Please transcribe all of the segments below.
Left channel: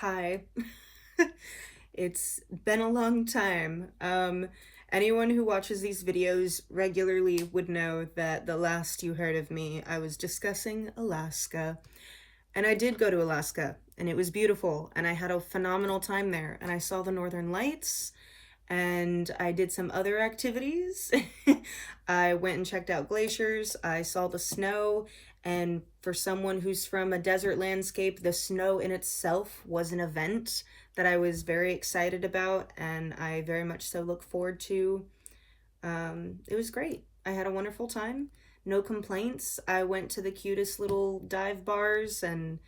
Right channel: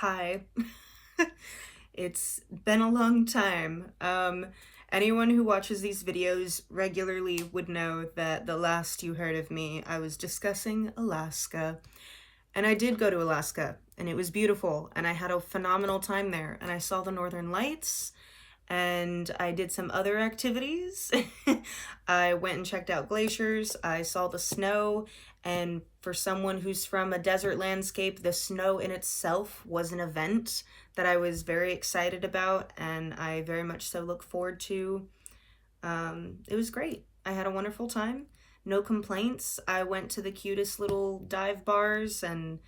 Hi. It's been a long time. Anyone who watches these videos regularly would know that the last you heard of me, I was discussing Alaska. And I did go to Alaska, and it was beautiful, and I had a phenomenal time there, and I saw the Northern Lights, and I did some other activities. I went and checked out glaciers, I saw the snow, and for someone who's from a desert landscape, the snow in itself was an event that I was very excited about, and I very much so look forward to. It was great. I had a wonderful time. No complaints. I went to the cutest little dive bars and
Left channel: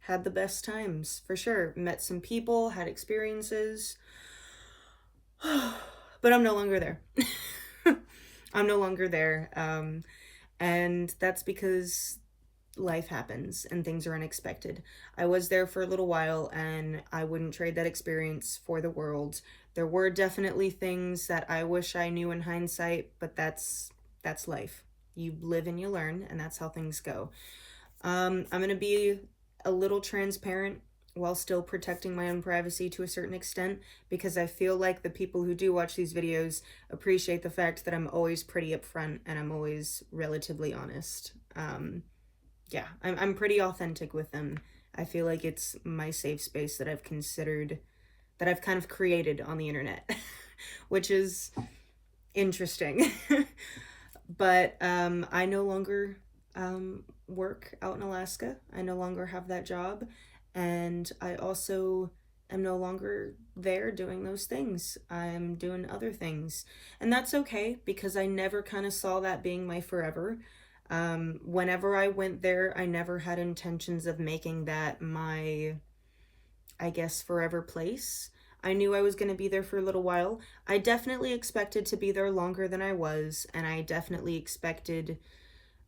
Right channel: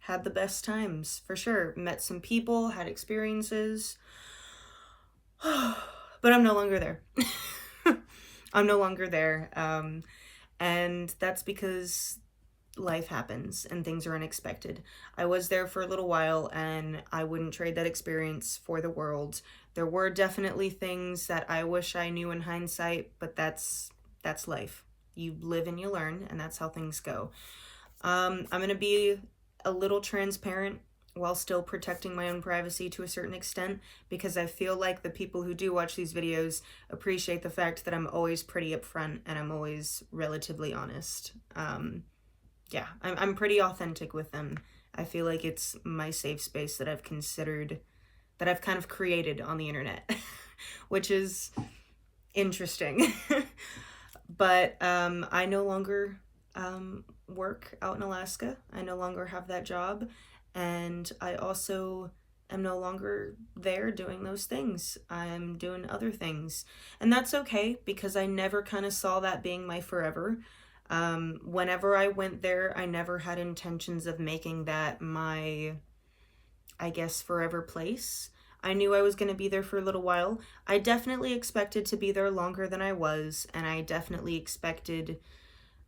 had the best times, for sure. Met some people, had experiences. But I'm no longer there. I'm no longer there. And that's because life happens and things are unexpected. I was there for a little while and I wouldn't trade that experience for the world. There were definitely things that I wish I knew in hindsight, but that's life. You live and you learn, and that's how things go. I'm going to be a little transparent while still protecting my own privacy to a certain extent, because I feel like the people who do watch these videos appreciate the fact that I'm always pretty upfront and I'm always relatively honest. Yeah, I'm pretty authentic with them. I feel like it's my safe space that I've considered, that I've kind of created on the internet, which is interesting. But I no longer work out in Alaska. I no longer have that job. And I also am no longer there doing those things. I'm doing other things. And that's okay because I never kind of saw that being my forever. Whenever I went there, I never had intentions of making that my, I guess, forever place. I knew I was going to be there for a little while. I definitely expected to be there longer than I was, and I definitely expected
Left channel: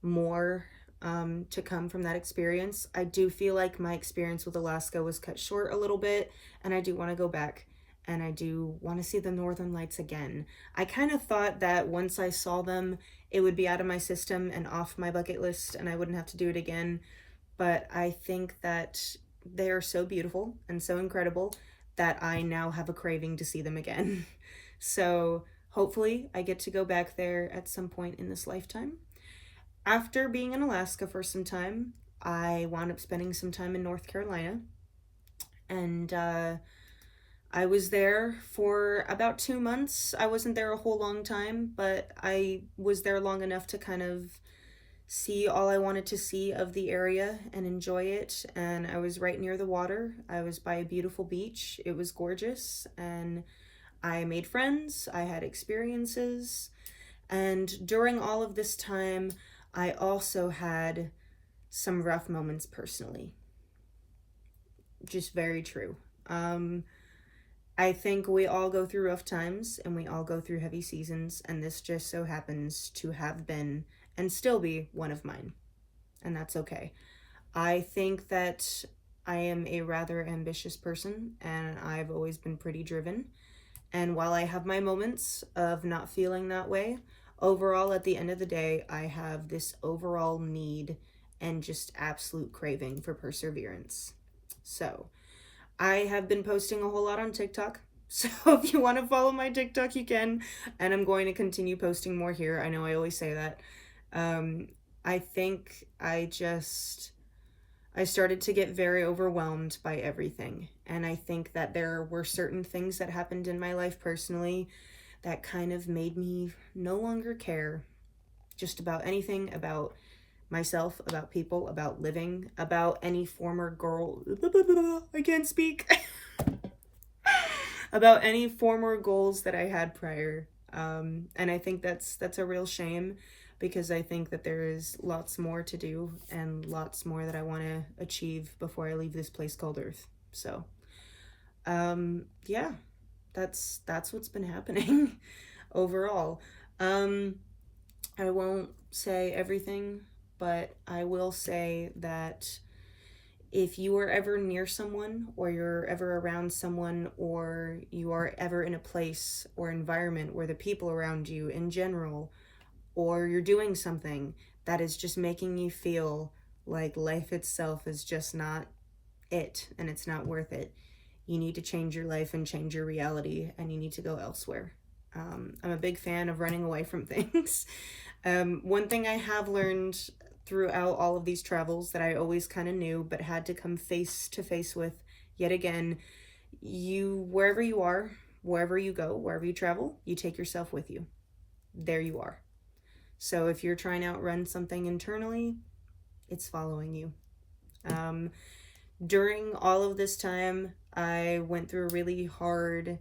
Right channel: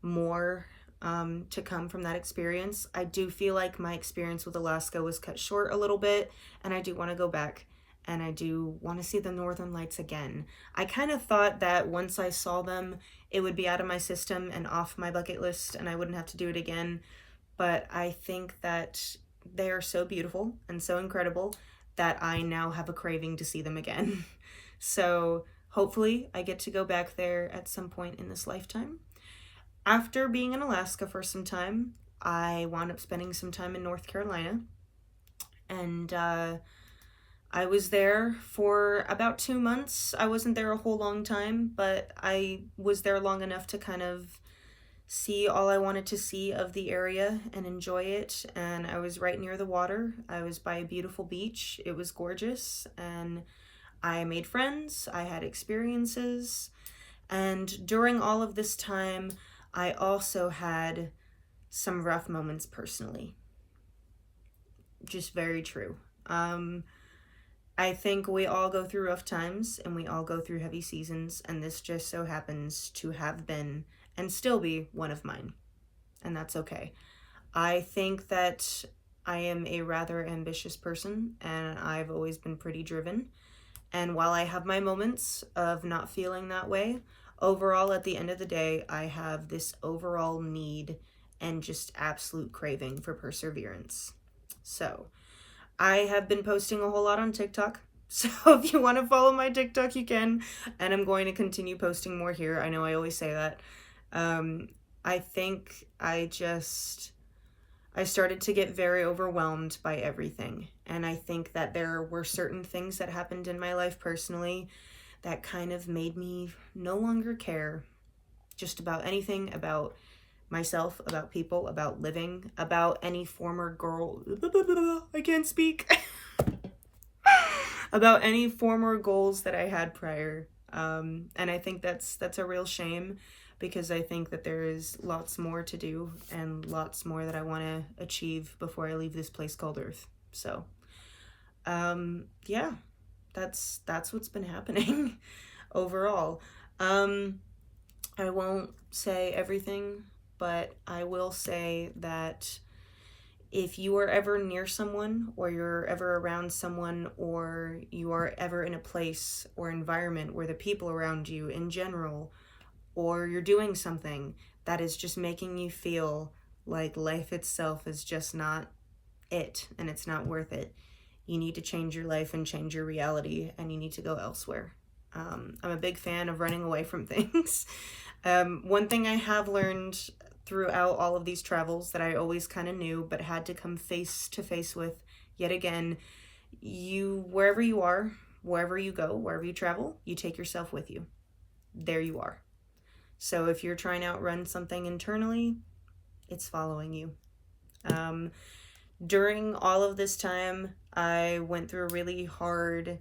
more to come from that experience. I do feel like my experience with Alaska was cut short a little bit, and I do want to go back, and I do want to see the Northern Lights again. I kind of thought that once I saw them, it would be out of my system and off my bucket list, and I wouldn't have to do it again. But I think that they are so beautiful and so incredible that I now have a craving to see them again. So hopefully I get to go back there at some point in this lifetime. After being in Alaska for some time, I wound up spending some time in North Carolina, and I was there for about 2 months. I wasn't there a whole long time, but I was there long enough to kind of see all I wanted to see of the area and enjoy it. And I was right near the water. I was by a beautiful beach. It was gorgeous, and I made friends. I had experiences. And during all of this time, I also had some rough moments personally. Just very true. I think we all go through rough times and we all go through heavy seasons, and this just so happens to have been and still be one of mine, and that's okay. I think that I am a rather ambitious person, and I've always been pretty driven. And while I have my moments of not feeling that way, overall, at the end of the day, I have this overall need and just absolute craving for perseverance. So, I have been posting a whole lot on TikTok. So if you want to follow my TikTok, you can. And I'm going to continue posting more here. I know I always say that. I think I started to get very overwhelmed by everything. And I think that there were certain things that happened in my life personally that kind of made me no longer care just about anything about myself, about people, about living, about any former girl. I can't speak. About any former goals that I had prior. And I think that's a real shame, because I think that there is lots more to do and lots more that I want to achieve before I leave this place called Earth. So, yeah, that's what's been happening overall. I won't say everything, but I will say that if you are ever near someone, or you're ever around someone, or you are ever in a place or environment where the people around you in general, or you're doing something that is just making you feel like life itself is just not it and it's not worth it, you need to change your life and change your reality, and you need to go elsewhere. I'm a big fan of running away from things. One thing I have learned throughout all of these travels that I always kind of knew but had to come face to face with yet again, wherever you are, wherever you go, wherever you travel, you take yourself with you. There you are. So if you're trying to outrun something internally, it's following you. During all of this time, I went through a hard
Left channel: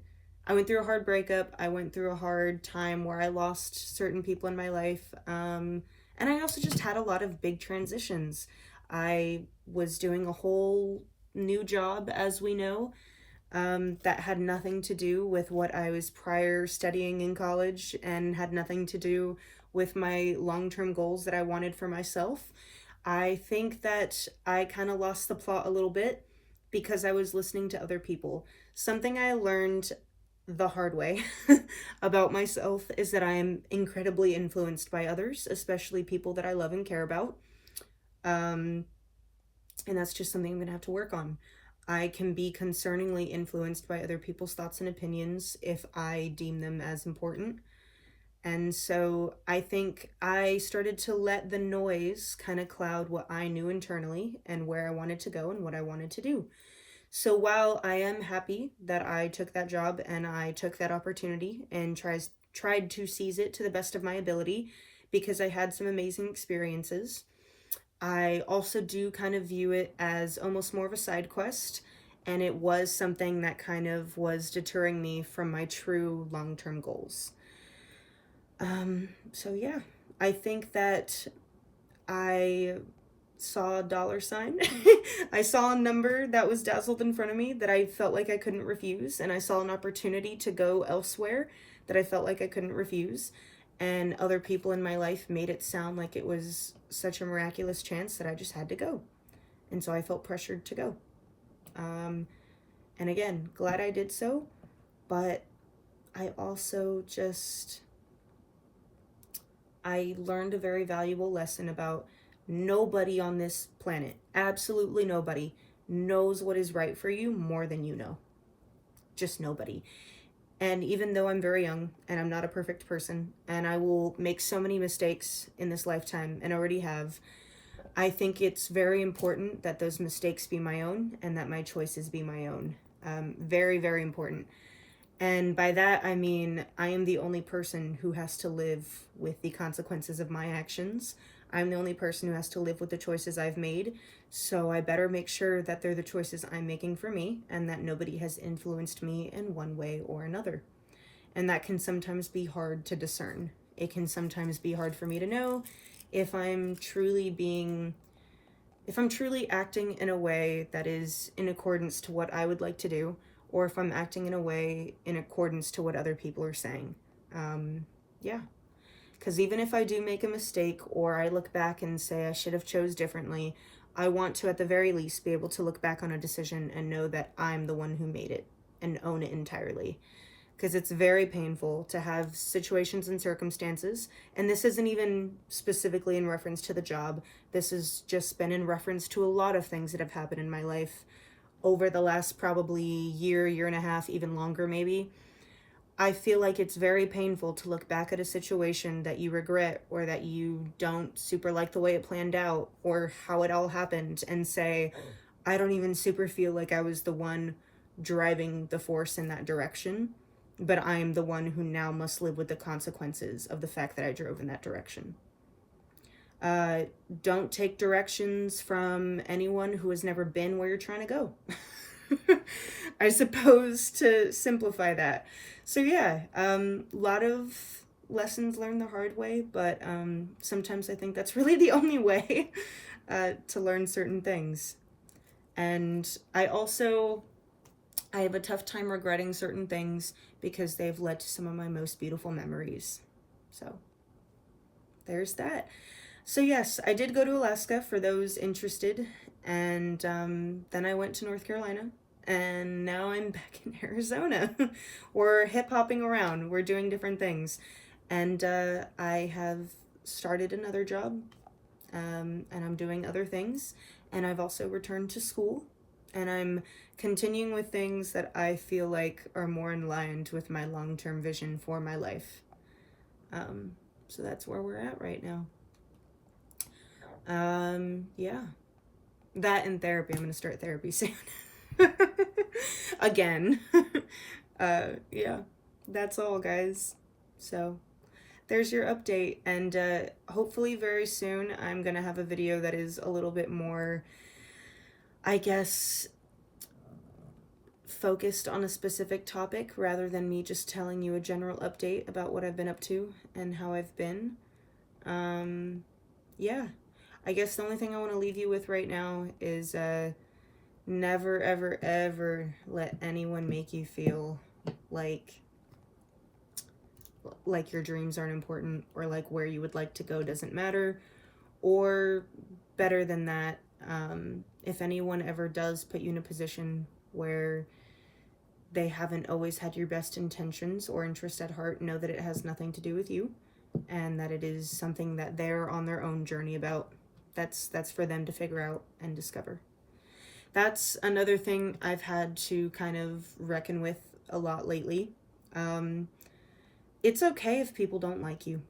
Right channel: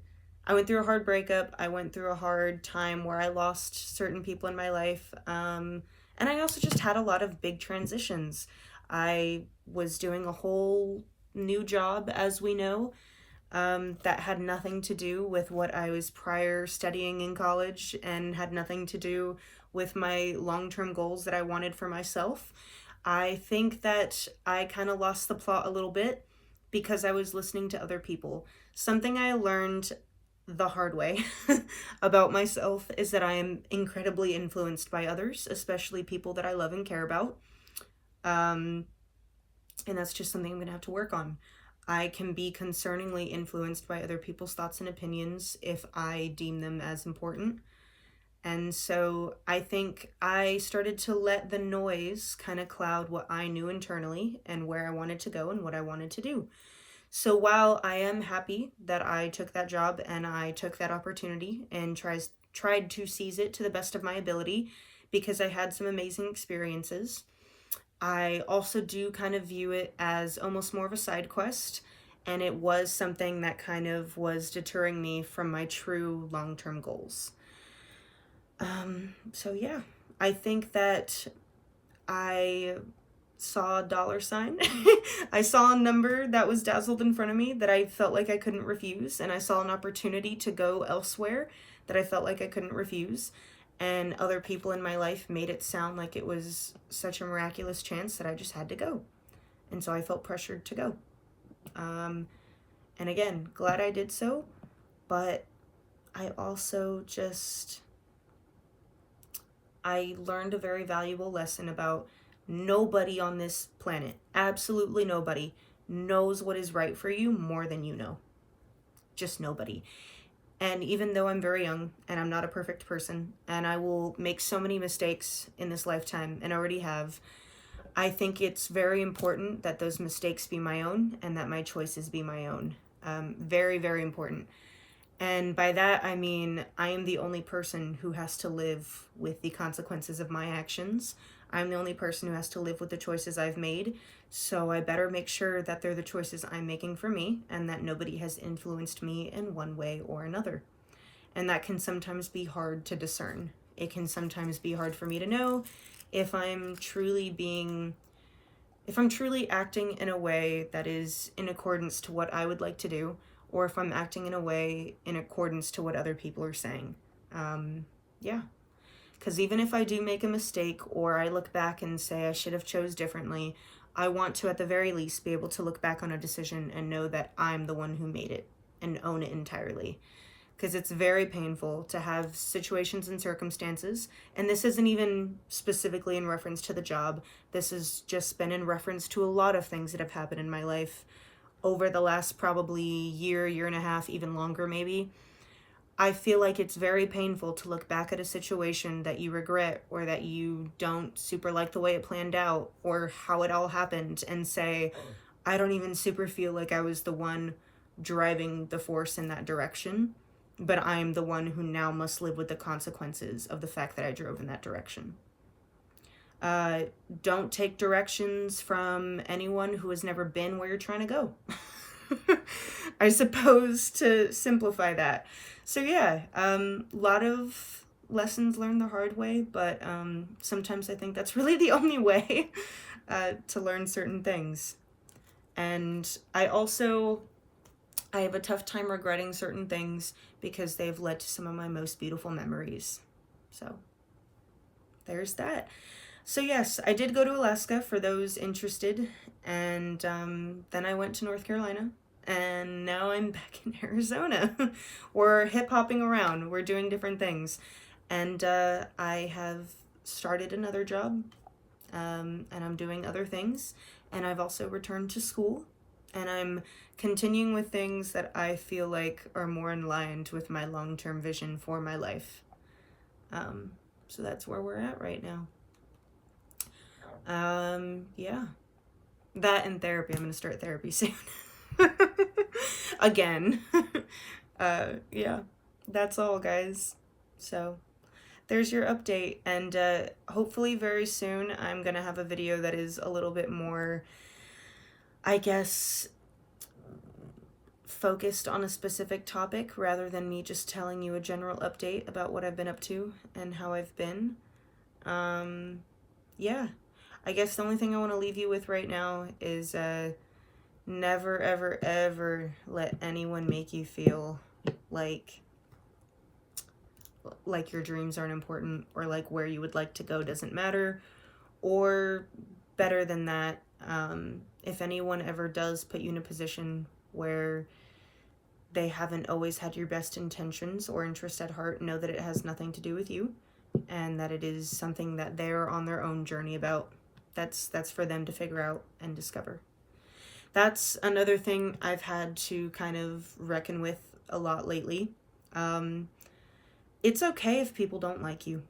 breakup. I went through a hard time where I lost certain people in my life. And I also just had a lot of big transitions. I was doing a whole new job, as we know, that had nothing to do with what I was prior studying in college and had nothing to do with my long-term goals that I wanted for myself. I think that I kind of lost the plot a little bit because I was listening to other people. Something I learned the hard way about myself is that I am incredibly influenced by others, especially people that I love and care about. And that's just something I'm going to have to work on. I can be concerningly influenced by other people's thoughts and opinions if I deem them as important. And so I think I started to let the noise kind of cloud what I knew internally and where I wanted to go and what I wanted to do. So while I am happy that I took that job and I took that opportunity and tried to seize it to the best of my ability because I had some amazing experiences, I also do kind of view it as almost more of a side quest, and it was something that kind of was deterring me from my true long-term goals. So yeah, I think that I saw a dollar sign. I saw a number that was dazzled in front of me that I felt like I couldn't refuse, and I saw an opportunity to go elsewhere that I felt like I couldn't refuse, and other people in my life made it sound like it was such a miraculous chance that I just had to go, and so I felt pressured to go. And again, glad I did so, but I also I learned a very valuable lesson about nobody on this planet, absolutely nobody, knows what is right for you more than you know. Just nobody. And even though I'm very young and I'm not a perfect person and I will make so many mistakes in this lifetime and already have, I think it's very important that those mistakes be my own and that my choices be my own. Very, very important. And by that, I mean, I am the only person who has to live with the consequences of my actions. I'm the only person who has to live with the choices I've made. So I better make sure that they're the choices I'm making for me and that nobody has influenced me in one way or another. And that can sometimes be hard to discern. It can sometimes be hard for me to know if I'm truly acting in a way that is in accordance to what I would like to do, or if I'm acting in a way in accordance to what other people are saying. Yeah. Because even if I do make a mistake or I look back and say I should have chose differently, I want to at the very least be able to look back on a decision and know that I'm the one who made it and own it entirely. Because it's very painful to have situations and circumstances, and this isn't even specifically in reference to the job. This has just been in reference to a lot of things that have happened in my life over the last probably year and a half, even longer maybe. I feel like it's very painful to look back at a situation that you regret or that you don't super like the way it planned out or how it all happened and say, I don't even super feel like I was the one driving the force in that direction, but I am the one who now must live with the consequences of the fact that I drove in that direction. Don't take directions from anyone who has never been where you're trying to go. I suppose, to simplify that. So yeah, lot of lessons learned the hard way, but sometimes I think that's really the only way to learn certain things. And I have a tough time regretting certain things because they've led to some of my most beautiful memories. So there's that. So yes, I did go to Alaska for those interested, and then I went to North Carolina, and now I'm back in Arizona. We're hip-hopping around, we're doing different things, and I have started another job, and I'm doing other things, and I've also returned to school, And I'm continuing with things that I feel like are more in line with my long-term vision for my life. So that's where we're at right now. Yeah. That and therapy. I'm going to start therapy soon. Again. Yeah. That's all, guys. So there's your update, and hopefully very soon I'm gonna have a video that is a little bit more, I guess, focused on a specific topic rather than me just telling you a general update about what I've been up to and how I've been. Yeah, I guess the only thing I want to leave you with right now is never ever ever let anyone make you feel like your dreams aren't important, or like where you would like to go doesn't matter, or better than that, if anyone ever does put you in a position where they haven't always had your best intentions or interest at heart, know that it has nothing to do with you, and that it is something that they're on their own journey about. That's for them to figure out and discover. That's another thing I've had to kind of reckon with a lot lately. It's okay if people don't like you.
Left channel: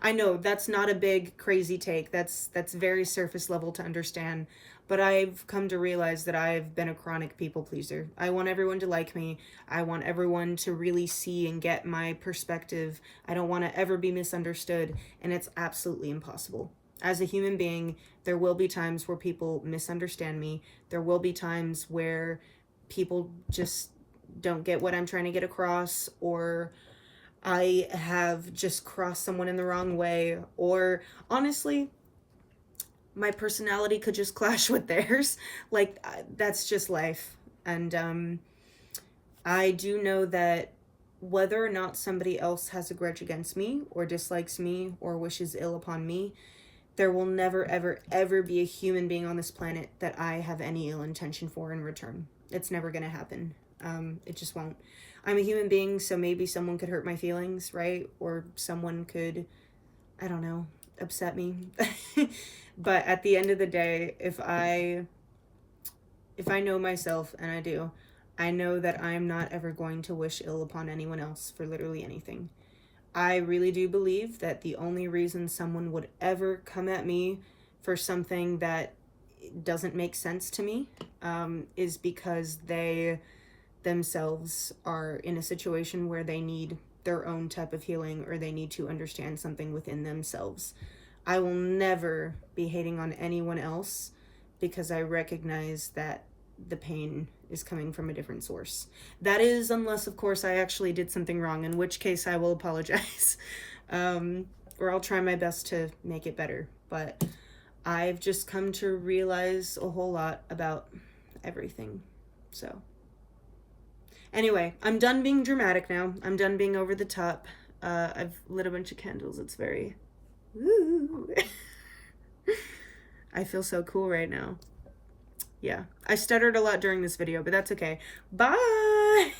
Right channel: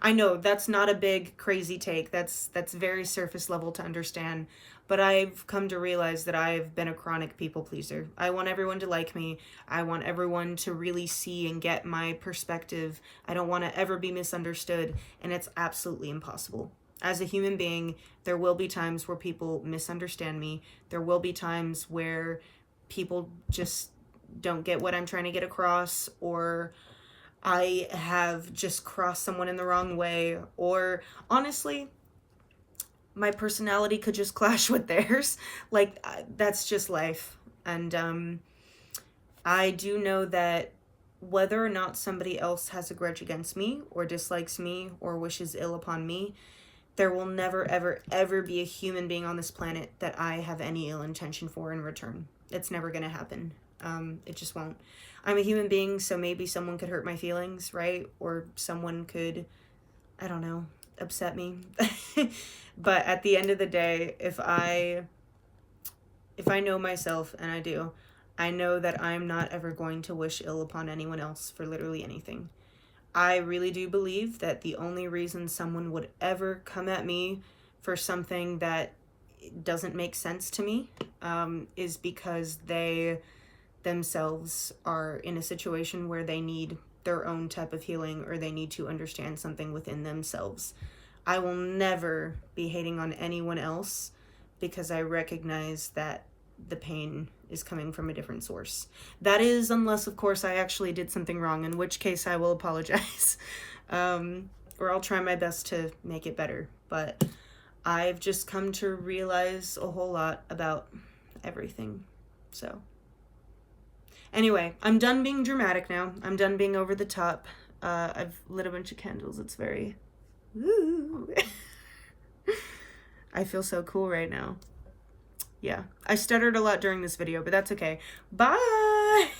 I know that's not a big crazy take. That's very surface level to understand. But I've come to realize that I've been a chronic people pleaser. I want everyone to like me. I want everyone to really see and get my perspective. I don't want to ever be misunderstood, and it's absolutely impossible. As a human being, there will be times where people misunderstand me. There will be times where people just don't get what I'm trying to get across, or I have just crossed someone in the wrong way, or honestly, my personality could just clash with theirs. Like, that's just life. And I do know that whether or not somebody else has a grudge against me, or dislikes me, or wishes ill upon me, there will never, ever, ever be a human being on this planet that I have any ill intention for in return. It's never gonna happen. It just won't. I'm a human being, so maybe someone could hurt my feelings, right? Or someone could, I don't know, upset me. But at the end of the day, if I know myself, and I do, I know that I'm not ever going to wish ill upon anyone else for literally anything. I really do believe that the only reason someone would ever come at me for something that doesn't make sense to me is because they themselves are in a situation where they need their own type of healing, or they need to understand something within themselves. I will never be hating on anyone else because I recognize that the pain is coming from a different source. That is, unless, of course, I actually did something wrong, in which case I will apologize. Or I'll try my best to make it better. But I've just come to realize a whole lot about everything. So anyway, I'm done being dramatic now. I'm done being over the top. I've lit a bunch of candles. It's very... Woo. I feel so cool right now. Yeah, I stuttered a lot during this video, but that's okay. Bye!